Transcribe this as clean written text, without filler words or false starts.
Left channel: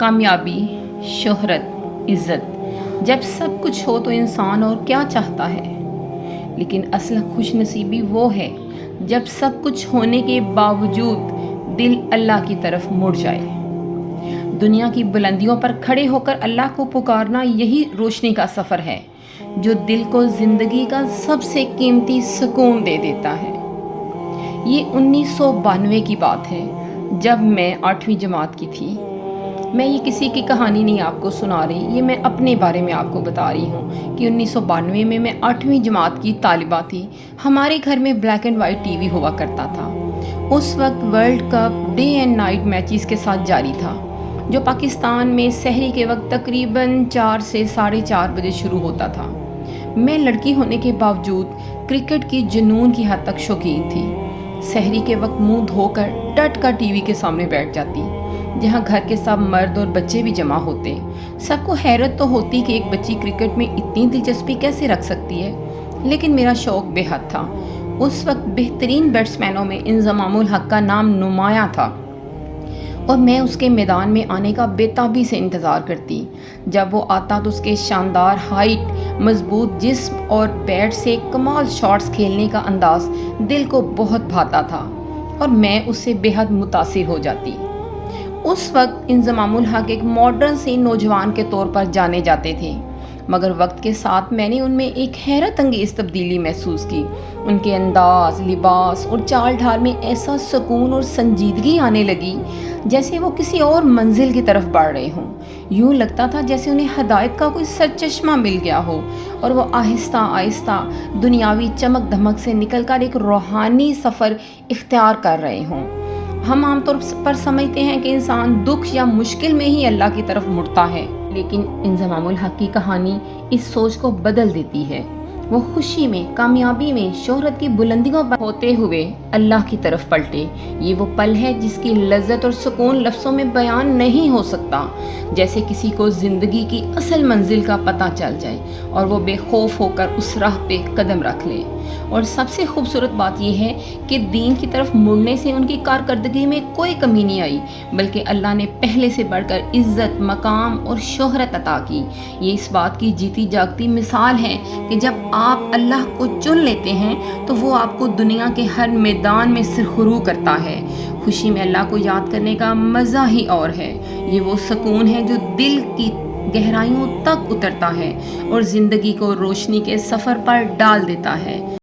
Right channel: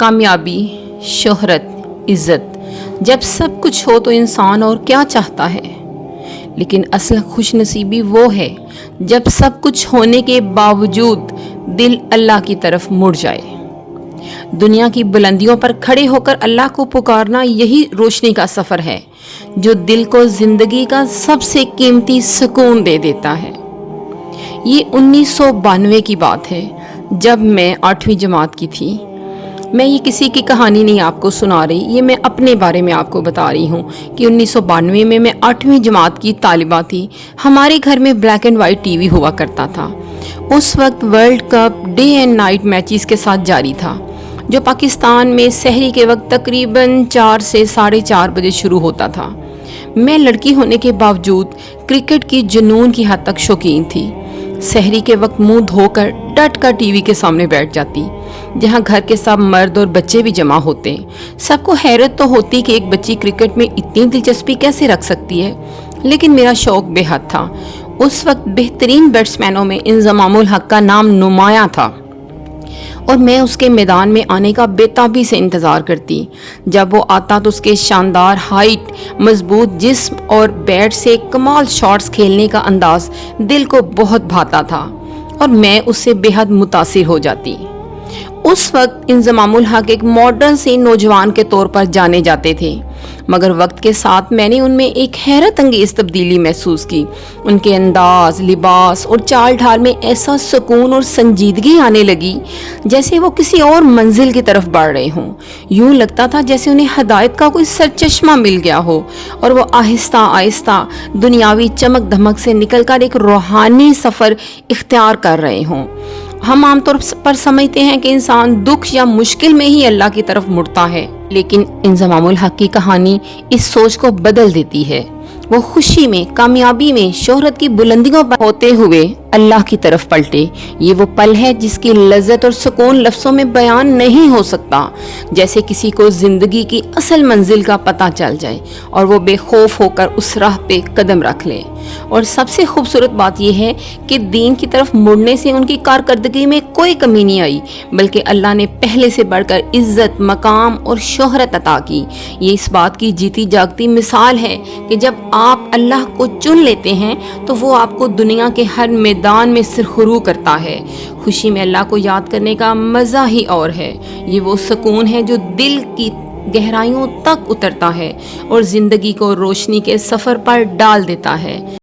कामयाबी, शोहरत, इज़्ज़त, जब सब कुछ हो तो इंसान और क्या चाहता है। लेकिन असल खुशनसीबी वो है जब सब कुछ होने के बावजूद दिल अल्लाह की तरफ मुड़ जाए। दुनिया की बुलंदियों पर खड़े होकर अल्लाह को पुकारना यही रोशनी का सफ़र है जो दिल को ज़िंदगी का सबसे कीमती सुकून दे देता है। ये 1992 की बात है जब मैं 8वीं जमात की थी। मैं ये किसी की कहानी नहीं आपको सुना रही, ये मैं अपने बारे में आपको बता रही हूँ कि 1992 में मैं 8वीं जमात की तालिबा थी। हमारे घर में ब्लैक एंड वाइट टीवी हुआ करता था। उस वक्त world cup day and night matches के साथ जारी था जो पाकिस्तान में सहरी के वक्त तकरीबन 4 से 4:30 बजे शुरू होता था। मैं लड़की होने के बावजूद क्रिकेट की जुनून की हद तक शौकीन थी। सहरी के वक्त मुंह धोकर डट कर टीवी के सामने बैठ जाती, जहां घर के सब मर्द और बच्चे भी जमा होते। सबको हैरत तो होती कि एक बच्ची क्रिकेट में इतनी दिलचस्पी कैसे रख सकती है, लेकिन मेरा शौक बेहद था। उस वक्त बेहतरीन बैट्समैनों में इंजमामुल हक का नाम नुमाया था और मैं उसके मैदान में आने का बेताबी से इंतज़ार करती। जब वो आता तो उसके शानदार हाइट, मजबूत जिस्म और बैट से कमाल शॉट्स खेलने का अंदाज दिल को बहुत भाता था और मैं उससे बेहद मुतासिर हो जाती। उस वक्त इंजमामुल हक एक मॉडर्न से नौजवान के तौर पर जाने जाते थे, मगर वक्त के साथ मैंने उनमें एक हैरत अंगेज तब्दीली महसूस की। उनके अंदाज, लिबास और चाल ढाल में ऐसा सुकून और संजीदगी आने लगी जैसे वो किसी और मंजिल की तरफ बढ़ रहे हों। यूं लगता था जैसे उन्हें हदायत का कोई सरचश्मा मिल गया हो और वो आहिस्ता आहिस्ता दुनियावी चमक धमक से निकलकर एक रूहानी सफ़र इख्तियार कर रहे हों। हम आमतौर पर समझते हैं कि इंसान दुख या मुश्किल में ही अल्लाह की तरफ मुड़ता है, लेकिन इंजमामुल हक की कहानी इस सोच को बदल देती है। वो खुशी में, कामयाबी में, शोहरत की बुलंदियों पर होते हुए अल्लाह की तरफ पलटे। ये वो पल है जिसकी लज्जत और सुकून लफ्ज़ों में बयान नहीं हो सकता। जैसे किसी को ज़िंदगी की असल मंजिल का पता चल जाए और वो बेखौफ होकर उस राह पे कदम रख ले। और सबसे खूबसूरत बात यह है कि दीन की तरफ मुड़ने से उनकी कारकर्दगी में कोई कमी नहीं आई, बल्कि अल्लाह ने पहले से बढ़कर इज्जत, मकाम और शोहरत अता की। ये इस बात की जीती जागती मिसाल है कि जब आप अल्लाह को चुन लेते हैं तो वो आपको दुनिया के हर मैदान में सिरखुरू करता है। खुशी में अल्लाह को याद करने का मज़ा ही और है। ये वो सुकून है जो दिल की गहराइयों तक उतरता है और ज़िंदगी को रोशनी के सफ़र पर डाल देता है।